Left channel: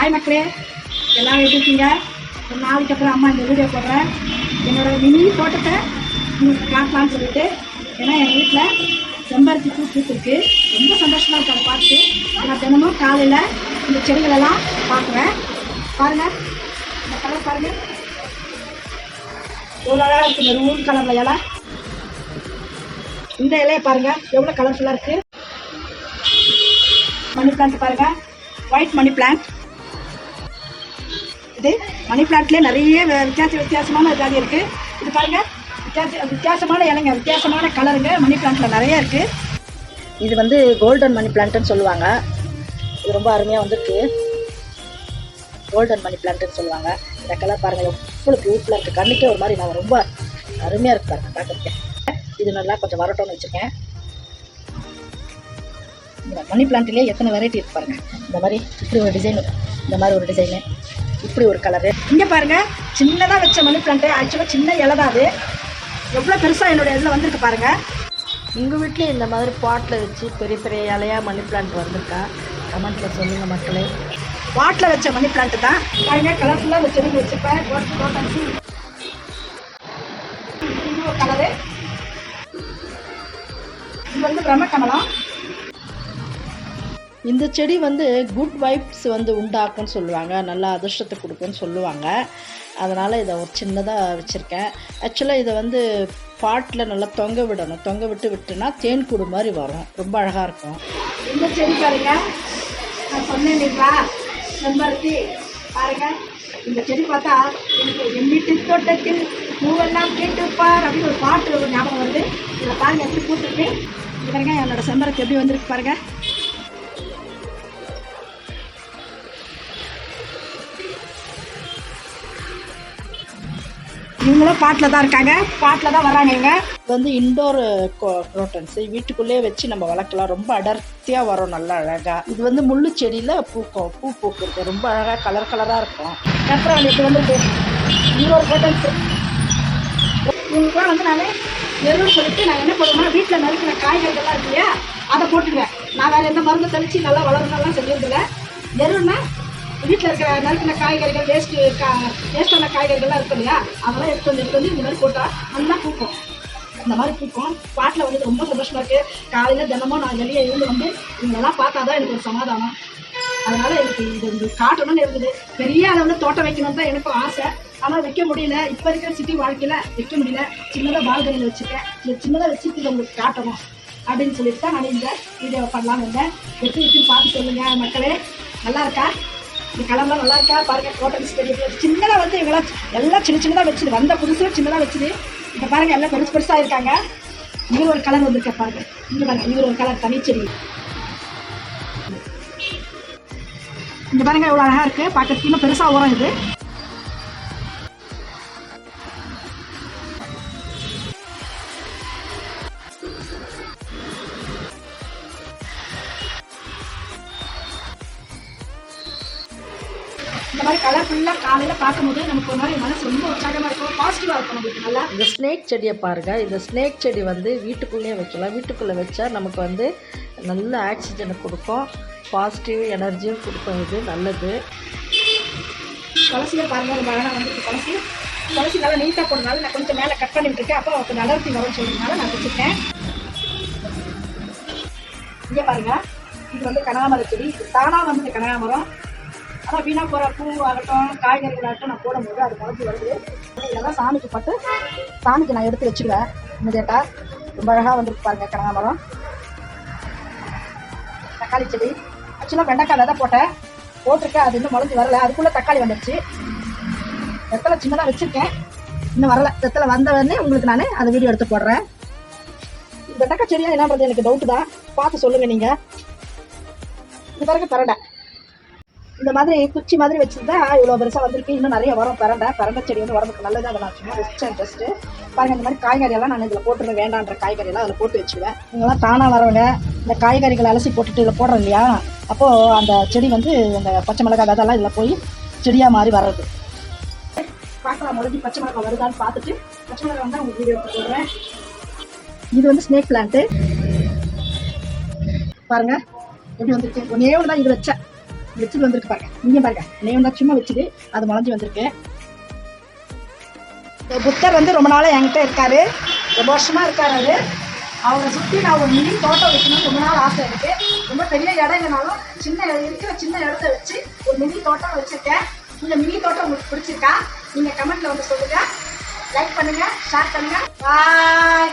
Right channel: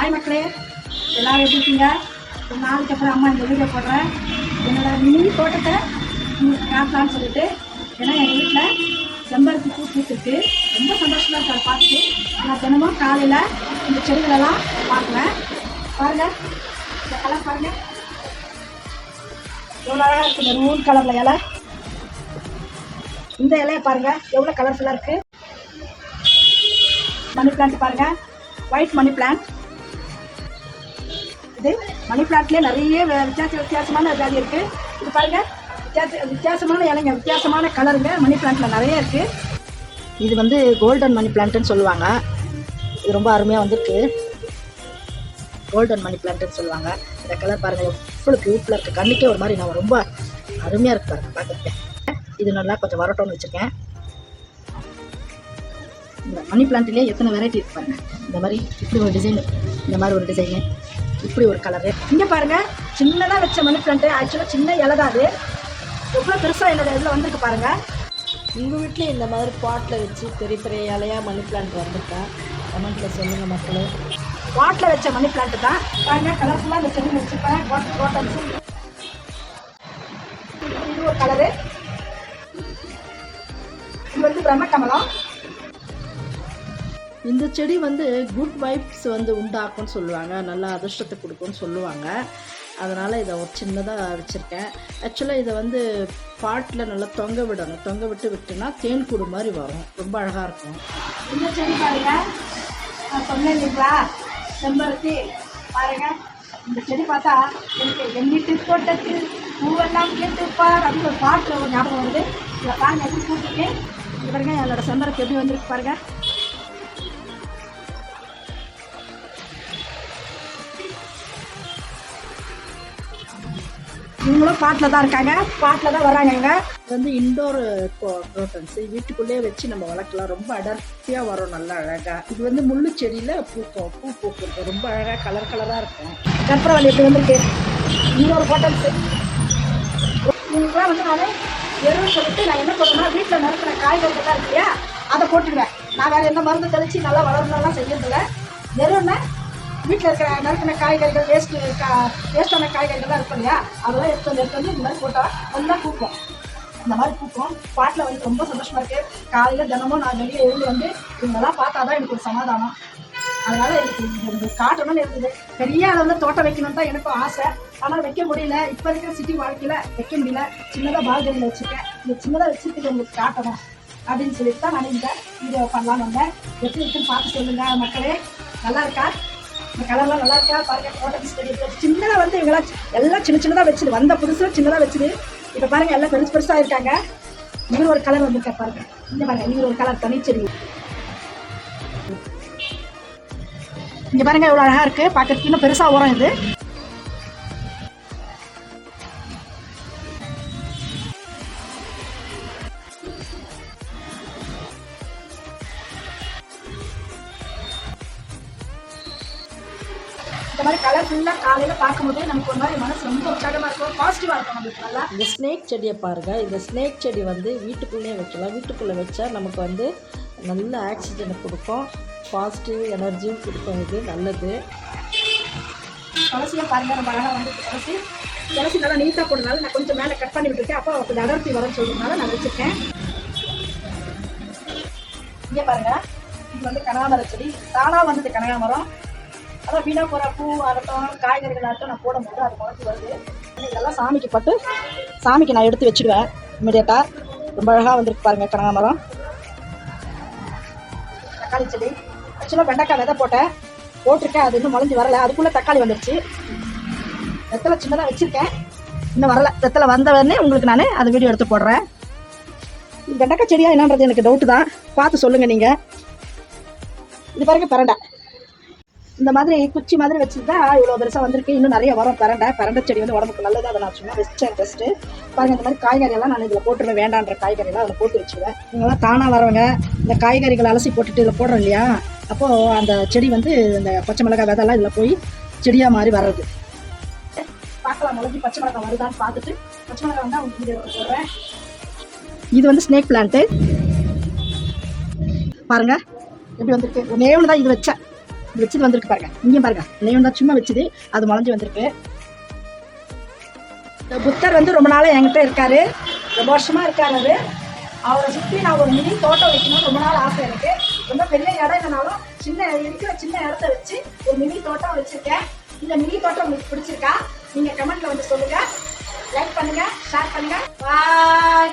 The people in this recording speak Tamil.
ஹாய் மக்களே, எல்லாம் எப்படி இருக்கீங்க? ஒரு நாளைக்கு அப்புறம் அம்மா இந்த வீடியோ போடுறேன். என்னோடய மினி தோட்டத்தை உங்களுக்கு காட்டலான்னு சொல்லிட்டு. ஏன்னா எங்கள் வீட்டில் செம்பருத்தி பூ பூத்துருக்கு. ரொம்ப சந்தோஷமாக இருக்கு அதை பார்த்துட்டு. நான் தினமும் காலையில் இந்த செடிகளெல்லாம் பார்க்குவேன். பாருங்கள், இந்த கலர் பாருங்கள், எவ்வளோ அழகாக இருக்குது. இந்த மூணு கலரில் இலை, இந்த இலையை பாருங்கள் எவ்வளோ கலர்ஃபுல்லாக இருக்குது. மணி பிளான்ட் பாருங்கள், ஒயிட் மணி பிளான்ட். இது மணி பிளான்ட்லேயே நிறைய வித்தியாசமான ஜாதி இருக்குது. இது பாருங்கள், வித்தியாசமான இலைங்க, வித்தியாசமான கலருங்க மணி பிளான்ட்டில் நிறைய இருக்குது. இது வந்து கோல்டன் மணி பிளான்ட்டுன்னு சொல்லுவாங்க. இது ரொம்ப அருமையாக வந்துருக்கு. கோல்டன் மணி பிளான்ட்டுன்னு சொல்லுவாங்க. இந்த கலர் பாருங்கள் எவ்வளோ க்யூட்டில் இருக்குது. கண்ணுக்கே ஒரு மாதிரி நான் ரொம்ப அருமையாக இருக்குது பாருங்கள் பார்க்குறதுக்கு. இது நல்லா கொஞ்சம் வரட்டோன்னு வச்சுருக்கேன். இந்த மணி பிளான்ட்லேயே எத்தனை வெரைட்டி இருக்கு பாருங்கள். இந்த மாதிரி இப்படி ஒரு டிசைனு, இந்த மாதிரி ஒரு டிசைனு, இப்படி ஒரு கலரு. இங்கே பாருங்கள், சின்னதாக வச்ச மணி பிளான்ட்டு. ஆக்சுவலாக சின்ன இலை தான் அது. எவ்வளோ பெருசாக என்னோடய இதில் வந்திருக்கு பாருங்கள். உங்கள் வீட்டில் இந்த மாதிரி பாட்டில் வச்சு பெரிய பெரிய இலையாக மணி பிளான்ட் வந்திருக்கா? கமெண்ட்டில் சொல்லுங்கள் மக்களே. பாட்டில் வச்ச மணி பிளான்ட்டு தான் பாருங்கள். கலர்ஃபுல்லாக அந்த செடி வச்சுப்பேன். இது ஒரு கலரு. இது வந்து பிரம்மகமலம். இந்த செடி வந்து குட் வைப்ஸ் வந்து உண்டாக்கும்னு சொல்லுவாங்க, நல்லா அதிர்ஷ்டத்தை கொடுக்கும்னு சொல்லுவாங்க. அதனால் இதை ஒரு சின்னதாக வச்சுருக்கேன். ஆக்சுவலாக இதை வந்து பாட்டில் நல்லா தொங்க விடணும். தொங்க விட்டுனா தேன் கூடு மாதிரி வரும். ரொம்ப அழகாக இருக்கும். இந்த செடி பாருங்கள், நான் சொன்னேன் இல்லைங்களா, செம்பருத்தி பாருங்கள். இந்த செடி பார்த்தா எனக்கு என் வீட்டு தோட்டத்தில் பூவெல்லாம் கேட்டுப்பார் அப்படின்னு ஒரு பாட்டு ஒரு ஞாபகம் வருது. இதில் பாருங்கள் எப்படி பூத்துருக்கு. இது பாருங்கள் என்னோடய செம்பருத்தி எப்படி வந்திருக்கு பாருங்கள். இவங்களும் பாட்டில் தான் இருக்காங்க, பாட்டில் தான் வராங்க. இவங்க வந்து இன்டோர் குரோட்டன்ஸு வீட்டுக்குள்ளேயே வச்சு நம்ம வளர்க்கலாம். ரொம்ப அடர்த்தியாக வரும், நல்லா அழகாக. இது வந்து முள்ளு செடியில் பூ பூக்குறது ரொம்ப அழகாக கலர் கலராக இருக்கும். கற்பூரம் எப்படி வந்துருக்கு. இன்னொரு குரோட்டன்ஸு. இவங்களுக்குலாம் வந்து நான் எருவு சொல்லிட்டு நான் என்ன பண்ணுவேன்னா, வீட்டில் நறுக்கிற காய்கறிகள்லாம் இருக்கு இல்லையா, அதை போட்டுடுவேன். நான் வேறு எந்த மருந்து தெளித்து நல்லா வளர்ந்தாலாம் செஞ்சுருந்துருவேன். எருவுன்னா வீட்டில் இருக்கிற நறுக்கின காய்கறிகள், வேஸ்டான காய்கறிகள்லாம் இருக்கும் இல்லையா, அதெல்லாம் எடுத்து வந்து இந்த மாதிரி போட்டால் நல்லா பூக்கும். இந்த மாதிரி பூக்கும். பாட்டில் வந்து ரொம்ப சந்தோஷமாக இருக்குது. காலையில் தினமும் நான் வெளியே இருந்து வந்து இவங்கெல்லாம் பார்த்தா தான் எனக்கு ஒரு சமாதானம். அதனால் எனக்கு இது காட்டணும்னு இருக்குது. பெரிய அளவில் தோட்டம் வைக்கணும்னு தான் எனக்கும் ஆசை. ஆனால் வைக்க முடியல. இப்போ இருக்கிற சிட்டி வாழ்க்கையில் வைக்க முடியல. சின்னதாக பால்கனியில் வச்சுருக்கேன். இந்த சின்னதாக வச்சுட்டு உங்களுக்கு காட்டணும் அப்படின்னு சொல்லிட்டு தான் நான் இந்த வீடியோ பண்ணலான்னு வந்தேன். எப்படி இருக்குன்னு பார்த்து சொல்லுங்கள் மக்களே. நல்லா இருக்கா? இந்த கலர்லாம் நல்லா இருக்கா பாருங்கள். குரோட்டன்ஸ் செடி சின்னதாக வந்து இவங்களாம் எல்லாம் சின்னதாக வச்சுது. வந்த புதுசில் சின்னதாக வச்சுது. இப்போ பாருங்கள் எல்லாம் பெருசாக இருக்காங்க. இவர் ஒரு கலர் வந்துருக்க பாருங்கள். இங்கே பாருங்கள், இவர் ஒரு கலர் தனிச்செடி. இங்கே பாருங்கள் எவ்வளோ அழகாக இருக்குது பார்க்கறதுக்கு. இன்னும் பெருசாக வரும் இது. இந்த மாதிரி கலர்ஃபுல்லாக காலையில் பார்க்கும்போது நமக்கு ஒரு மாதிரி மனசு ரொம்ப உற்சாகமாக இருக்கும், பாசிட்டிவாக இருக்கும் நம்மளுக்கு. நல்லா இந்த ஸ்னேக் செடியை பாருங்கள். இந்த ஸ்னேக் செடி வந்து வீட்டுக்குள்ளேயே வைக்கலாம். வீட்டுக்குள்ளே வச்சா நமக்கு வந்து நல்ல ஆக்சிஜனை கொடுக்கும், பாசிட்டிவ் எனர்ஜியும் கொடுக்கும். இது நல்லது. துளசியை பாருங்கள், ரொம்ப அழகாக வந்துருக்கு. துளசி நல்லா நீட்டாக போடுறதுனால நான் கொஞ்சம் மேலே கட் பண்ணி விட்டுருக்கேன். அப்போ கொஞ்சம் அடர்த்தி வரும்னு சொல்லியிருந்தால நான் வச்சுருக்கேன். இங்கே பாருங்கள், இது வந்து கனகாமர செடி. தானாக வந்தது கனகாமரம். அதான் வீணாக போகிற பூ ஆகட்டும், காய்கறிகள் ஆகட்டும் நான் போடும்போது அது முளைச்சி வருது. இதெல்லாம் சாமிக்கு பட்டு சாமிக்கு நான் எடுத்து வச்சுடுவேன் இமீடியட்டாக. ரொம்ப அழகாக வந்துருக்கு பாருங்கள் கனகாமரம். தக்காளி செடி ஆக்சுவலாக வெண்டைக்காய் விதை போட்டிருக்கேன். அது இன்னும் முளைஞ்சி வரலை. அதுக்குள்ளே தக்காளி வந்துடுச்சு. வெத்தலை சின்னதாக வச்சுருக்கேன், இன்னும் வரலை. வெத்தலை வந்தவொடனே உங்களுக்கு நான் அதை வீடியோ எடுத்து போடுறேன். இது வெண்டைக்காய் செடியாக என்னன்றது எனக்கு டவுட்டு தான், பார்த்து சொல்லுங்கள் நீங்கள். இது பாருங்க பரண்டை. இந்த மாதிரி குச்சி மாதிரி வச்சுருந்தா இவ்வளோ பெருசாக வந்திருக்கு. இன்னும் நிறைய வரும். பரண்டை செடி வந்து உடம்புக்கு நல்லது. அதை நான் சும்மா வச்சேன் ஜஸ்ட்டு. பாருங்கள், இந்த மாதிரி காய்கறியெல்லாம் நான் இதில் போட்டுருவேன். வேண்டான்ற காய்கறியெல்லாம் அதில் போட்டு வச்சுருவேன். இவங்கெல்லாம் தானாக வரவங்க இந்த காய்கறிகளை அலசி போட்டுட்டு இதில் போடுறோம் இல்லையா, அப்போது அந்த செடி வந்து அந்த பச்சை மிளகாய் விதெல்லாம் இதில் போய் செடியாக மாதிரி வர்றது. பார்க்கலாம் முளைஞ்சி பச்சை மிளகாய் வருதான்னு பார்த்துட்டு பச்சை மிளகாய் வந்து அவங்க வீடியோ போடுறேன். இது வந்து ஸ்னேக் பிளான்ட்டு பாருங்கள் எப்படி வந்துருக்கு. ஒன்றே ஒன்று தான் இது வச்சேன். வச்சுட்டு வந்திருக்கு பாருங்க. இங்கே பாருங்க, நேம் தான் சும்மா வச்சுது, அது முளைஞ்சி வந்திருக்கு. புத்தர் வந்து ரொம்ப நாளாக என்கிட்ட இருக்காரு, ரொம்ப வருஷமா இருக்காரு. அவரை சுற்றி நான் ஒரு மினி தோட்டம் வைக்கணும்னு ரொம்ப நாள் ஆசை எனக்கு. ரொம்ப பெரிய இடம் இல்லைனாலும் இருக்கிற சின்ன இடத்த வச்சு ஒரு மினி தோட்டம் வச்சிருக்கேன். இந்த மினி தோட்டம் உங்களுக்கு பிடிச்சிருக்கா? நீங்கள் கமெண்ட்ல வந்து சொல்லுங்க, லைக் பண்ணுங்க, ஷேர் பண்ணுங்க. பாய்.